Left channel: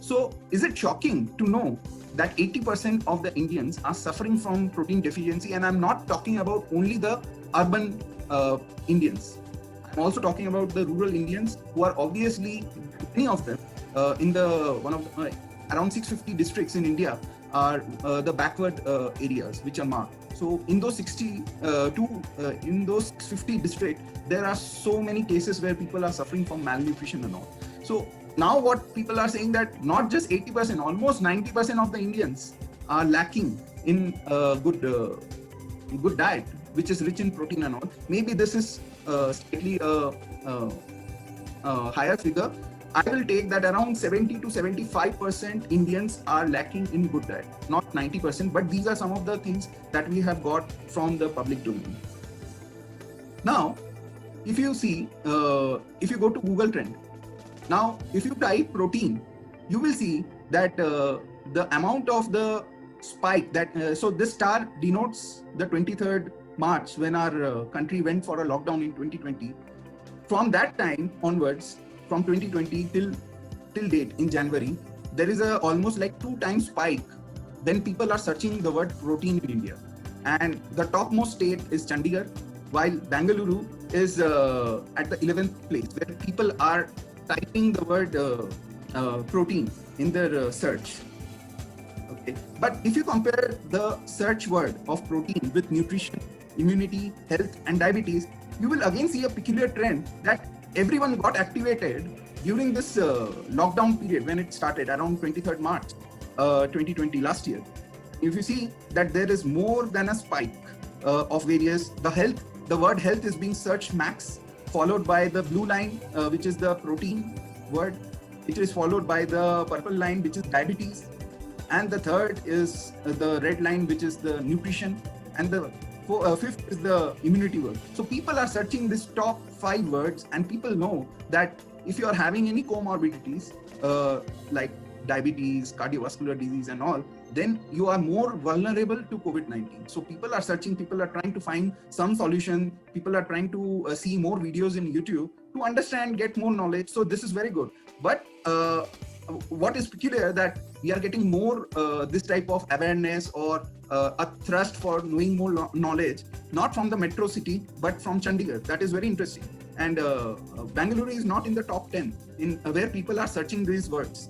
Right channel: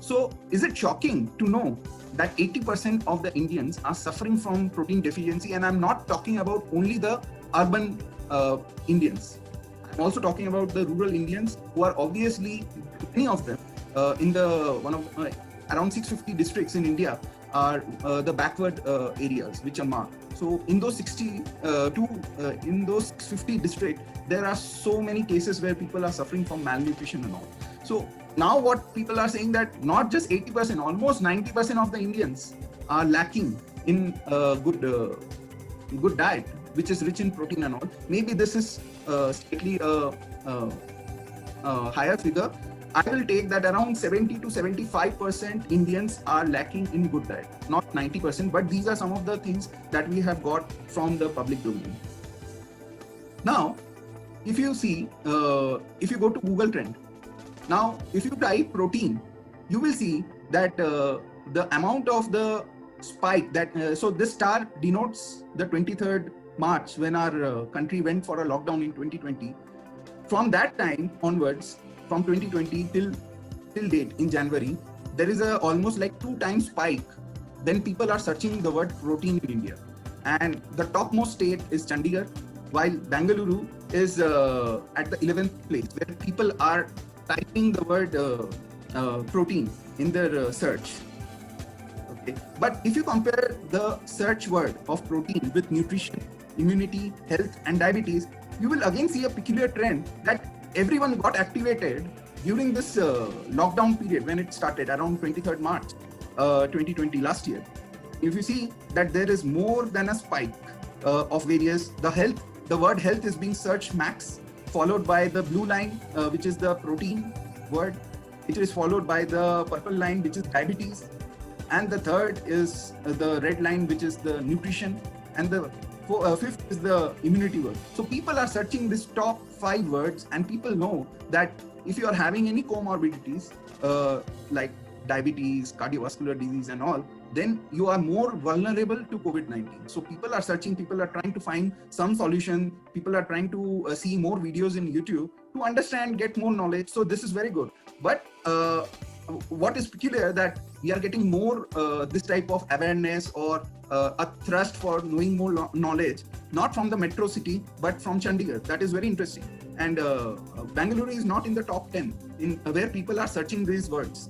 So, is it shocking to know that 80% of the Indians are suffering from protein deficiency? And I'm not talking about only the urban Indians. I'm also talking about the rural Indians who are obviously, many of them in the one of around 650 districts in India are the backward areas which are marked. So in those 50 districts, there are so many cases where people are suffering from malnutrition and all. So now what people are saying that not just 80%, almost 90% of the Indians are lacking in good diet, which is rich in protein and all. Maybe this is slightly uh, higher figure. I will take that around 70 to 75% Indians are lacking in good diet, not 90%, but these are some of the things that we have got from the public domain. Now, if you see, if you go to Google Trend, now if you type protein, you will see that the amount of the spike that, so this star denotes the 23rd March when our country went for a lockdown in 2020. From that time onwards, from 2020 till date in January, there is a almost like 2 times spike. Then people are searching the word protein in India, and the topmost state is Chandigarh, while Bangalore is at the 11th place, where people are typing the word protein in their search. Okay. But if you compare the search word of protein with nutrition, immunity, health, and diabetes, you will again see a peculiar trend that everyone got activated during this lockdown period when it started around 23rd March 2020 last year. If you see that there is more than a spike of various, the word health is being searched max, followed by the blue line, which is the protein word, which is followed by the purple line, which is diabetes, and the third is the red line, which is the nutrition, and the fifth is the immunity word. So people are searching this top 5 words, and people know that if you are having any comorbidities like diabetes, cardiovascular disease, and all, then you are more vulnerable to COVID-19. So people are searching, people are trying to find some solution, people are trying to see more videos in YouTube to understand, get more knowledge. So this is very good. But what is peculiar that we are getting more this type of awareness or a thrust for knowing more knowledge, not from the metro city, but from Chandigarh. That is very interesting. And Bangalore is not in the top 10 in where people are searching these words.